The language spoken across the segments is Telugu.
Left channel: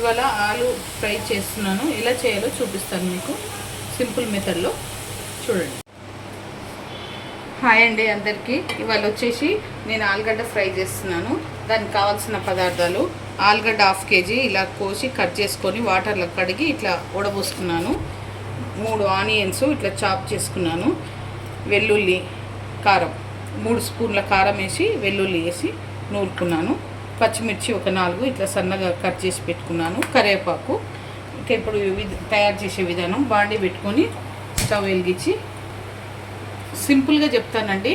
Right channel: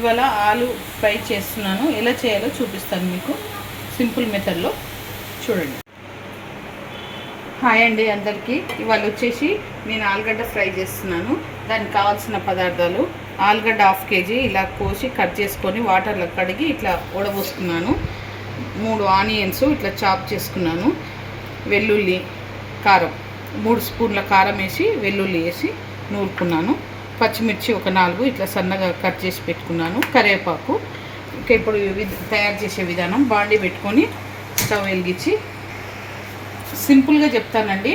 ఇవాళ ఆలు ఫ్రై చేస్తున్నాను. ఎలా చేయాలో చూపిస్తాను మీకు సింపుల్ మెథడ్లో. చూడండి. హాయ్ అండి అందరికీ. ఇవాళ వచ్చేసి నేను ఆలుగడ్డ ఫ్రై చేస్తున్నాను. దానికి కావాల్సిన పదార్థాలు: ఆలుగడ్డ 1/2 kg ఇలా కోసి కట్ చేసుకొని వాటర్లో కడిగి ఇట్లా ఉడబోసుకున్నాను. 3 ఆనియన్స్ ఇట్లా చాప్ చేసుకున్నాను. వెల్లుల్లి, కారం 3 స్పూన్ల కారం వేసి వెల్లుల్లి వేసి నూరుకున్నాను. పచ్చిమిర్చి ఒక 4 ఇట్లా సన్నగా కట్ చేసి పెట్టుకున్నాను. కరివేపాకు. ఇంకా ఇప్పుడు తయారు చేసే విధానం: బాండి పెట్టుకొని స్టవ్ వెలిగించి సింపుల్గా చెప్తానండి.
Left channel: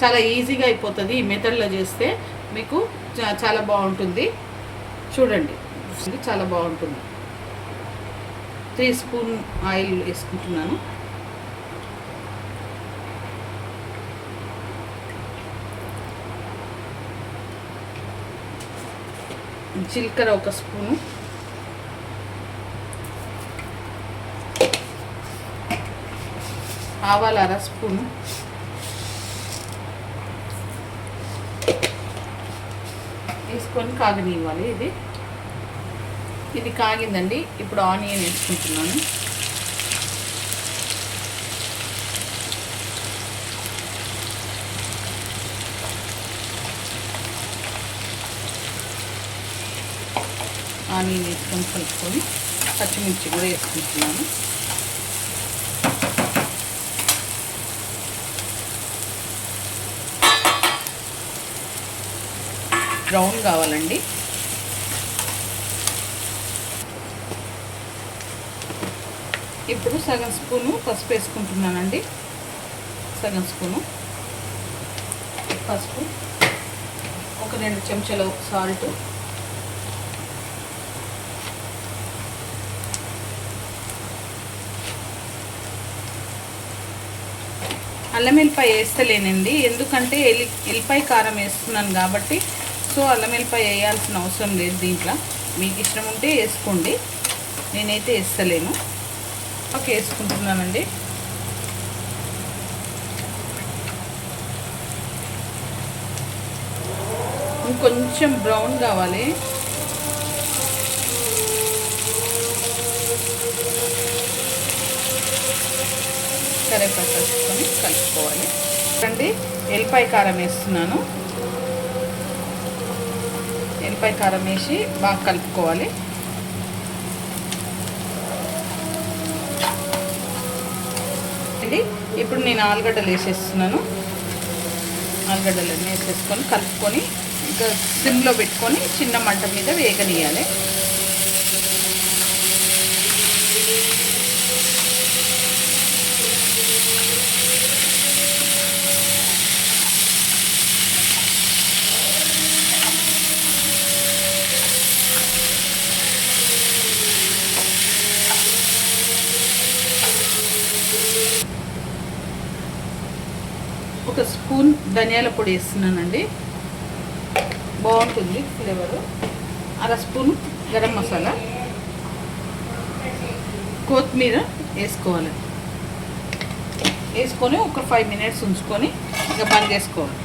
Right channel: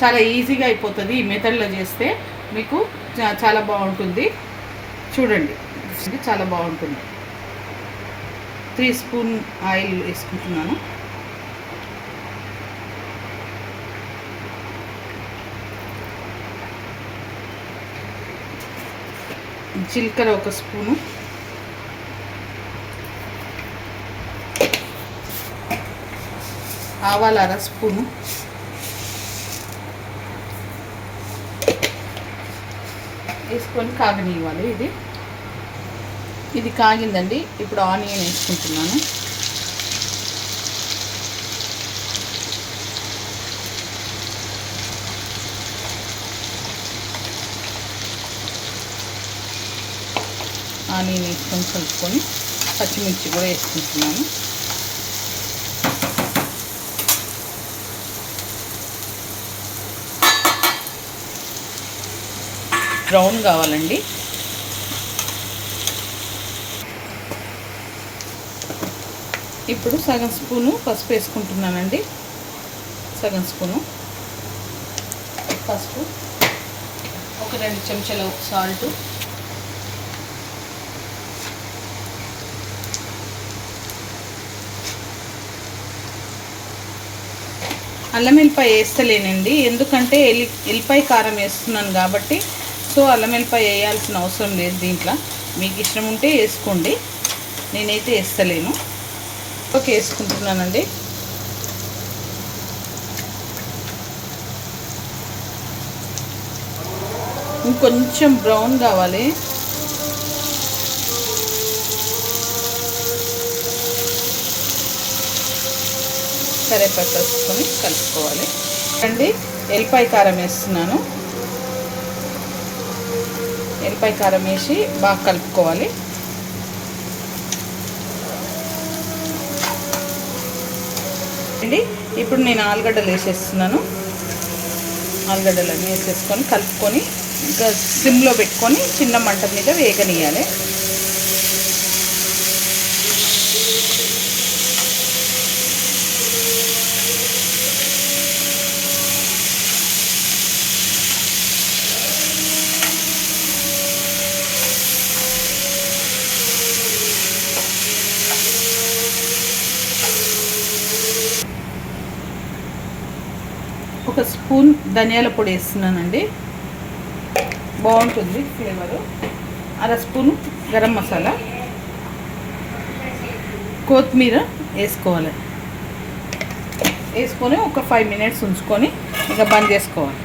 చాలా ఈజీగా అయిపోతుంది. ఈ మెథడ్లో చేస్తే మీకు చాలా బాగుంటుంది. చూడండి, చాలా బాగుంటుంది. 3 స్పూన్ ఆయిల్ వేసుకుంటున్నాను. జీలకర్ర 1 స్పూను, ఆవాలు 1/2 స్పూను, వేసుకొని కాగనివ్వాలి. ఇది కాగిందండి. ఇప్పుడు ఆనియన్ వేసుకుంటున్నాను. ఆనియన్ వేసుకొని కలుపుకొని పచ్చిమిర్చి కూడా వేసుకుంటున్నాను. బ్రౌన్ కావాలండి. ఇప్పుడు సగం స్పూను పసుపు వేసుకుంటున్నానండి. సగం స్పూను పసుపు, ఒక 2 చెంచాల సాల్ట్, అల్లం వెల్లిపాయ వేస్తలేనండి, ఎందుకంటే ఎల్లిపాయ కారం వేస్తున్నాను కాబట్టి. సో అల్లం వెల్లిపాయ వేయాల్సిన అవసరం లేదు దీంట్లో. మీకు ఇష్టం ఉంటే వేసుకోండి, నేనైతే వేస్తలేను. ఓకే, వేసుకుంటున్నానండి. ఇంకొంచెం బ్రౌన్ కావాలి. కరివేపాకు వేసుకొని కలుపుకోవాలి. అండి, ఎల్లిపాయ కారం వేస్తున్నాను. ఎల్లిపాయ కారం వేసి బాగా కలుపుకోవాలి. అండి, ఇప్పుడు నేను ఆలుగడ్డలు వేసేస్తున్నాను. ఆలుగడ్డలన్నీ వేసేసుకొని కలుపుకొని ఇంకా సిమ్లో పెట్టుకొని చిన్న మంట మీద వేగనీయాలి. ఒక స్పూన్ ధనియాల పొడి వేస్తున్నానండి, బాగుంటుంది ఫ్లేవరు. 1/2 స్పూన్ గరం మసాలా, కొత్తిమీర వేసుకోవాలి. వేసుకొని ఒక 5 minutes ఉంచుకొని ఇంకా బంద్ చేసుకోవాలి.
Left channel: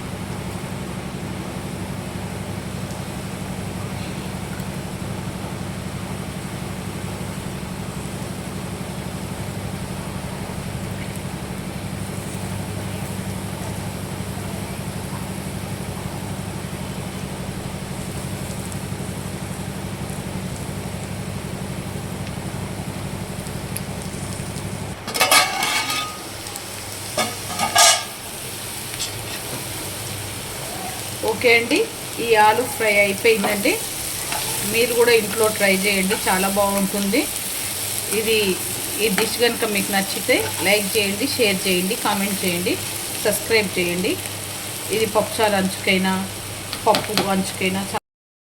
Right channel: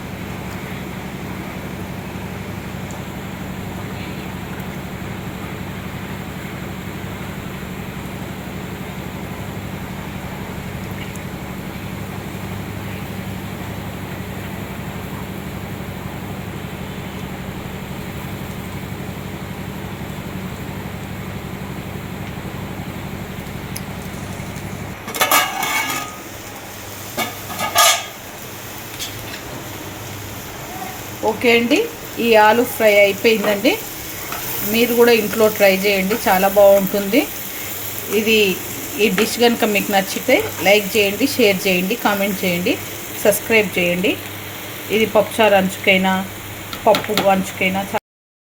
ఓకే అండి, ఈ ఆలు ఫ్రై అయిపోయిందండి. మీరు కూడా ఇంట్లో ట్రై చేయండి, చాలా బాగుంటుంది. ఈ డిష్ కనుక మీకు నచ్చితే లైక్ చేయండి, షేర్ చేయండి, కామెంట్ చేయండి, సబ్స్క్రైబ్ చేయండి. ఇది పప్పుచారు అంచుకైనా పప్పు అంచుకైనా